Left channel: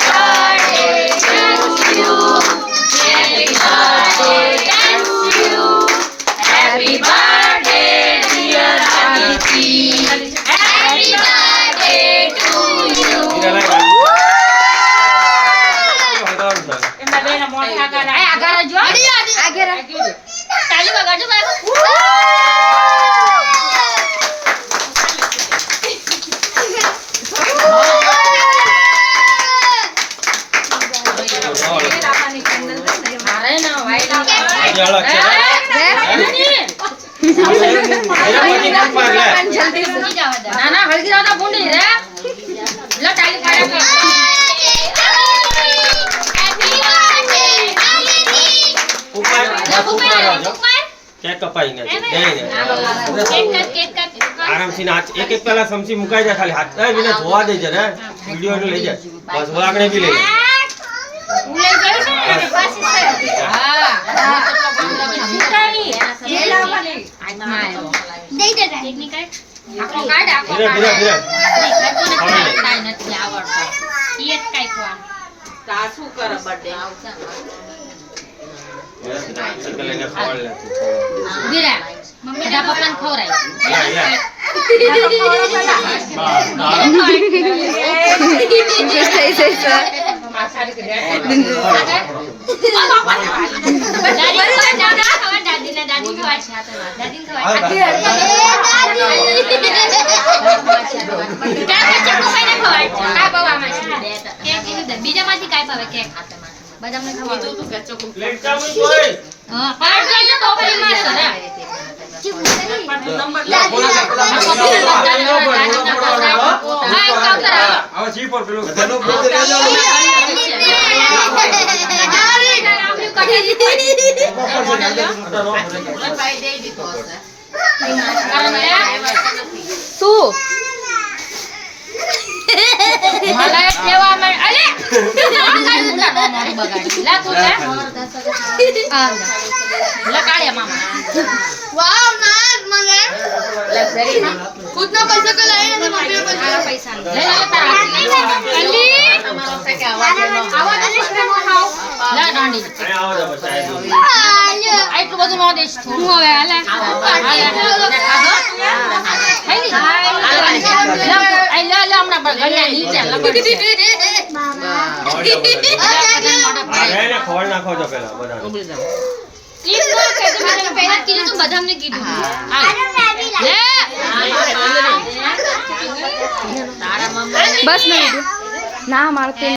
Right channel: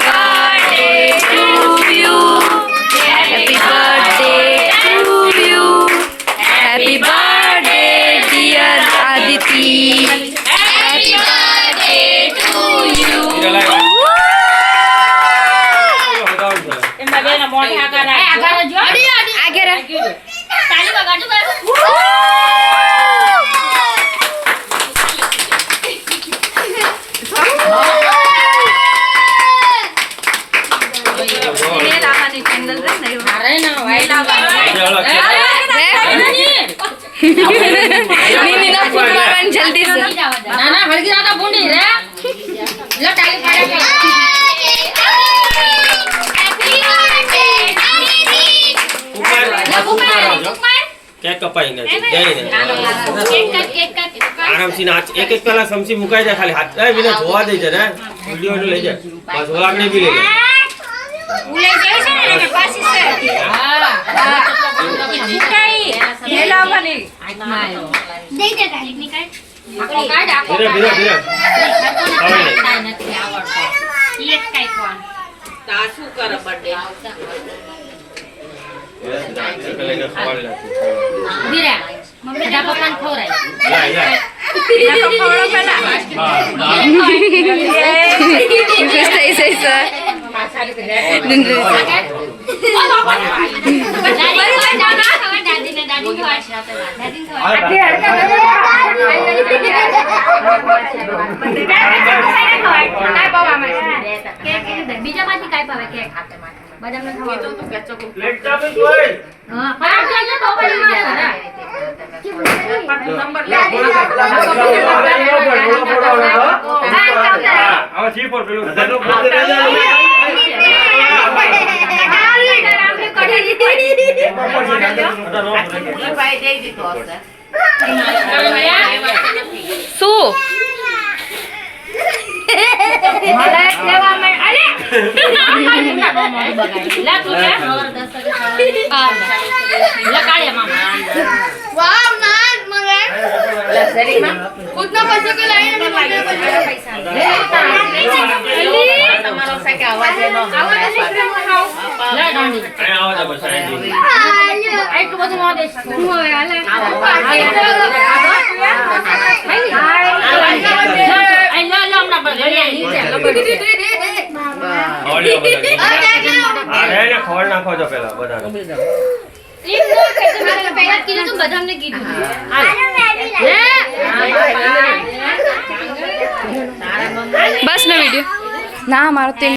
birthday to you. Happy birthday to you. Happy birthday dear Aditi. Happy birthday to you. जल्दी से ना हल्दी ज्यादा बूंदी रे लो टाली काढ़ा કેક કપાઈ ને આરામથી નાચ એક એક પેલા સમસી મુકાઈ જાય ખાલી હાથ એ વિના ધોવા દે છે રે વિડિયો લઈ જાય બસ આગળ બી લઈ જાય ઉલે જાય છે ને પાછી છે હા મુકાઈ જે લાવને આત્મા દે દે ટેકનિક આપો કાઢ આપો ધીરે ધીરે ધીરે કાઈ નથી આવડતો એક કાઈ કોણ સાસુ કર બર્થડે બીરા મમ્મી ડા પપ્પાને ખવરાય खुश થઈ છે સર બીજામાંથી કાઈ ભાવે કેક બદામને ખાવાનું તું કે ચોકો પ્લેટ ચામી કોઈ હા પાડ જો તો પેલી માં છે હવે જી પર પેલું શું मला ठेवा मैं अरे ला तू क्या ला काढे मामा वाव नाइस मगर उतना पैसा का लाइन में बर्थडे पैसा हे होता તમારો સે કે આવાજ એનો आवाज ला डांडी આવો જ બસ આટલું બધું નો દેશ હું હવે હાલે હમણાં બગડ્યા નીચે લબડી અરે ને ખવડ નાખો જો પેલા બધા બધાને કીધું બસ નો વિડિયો ના મારતે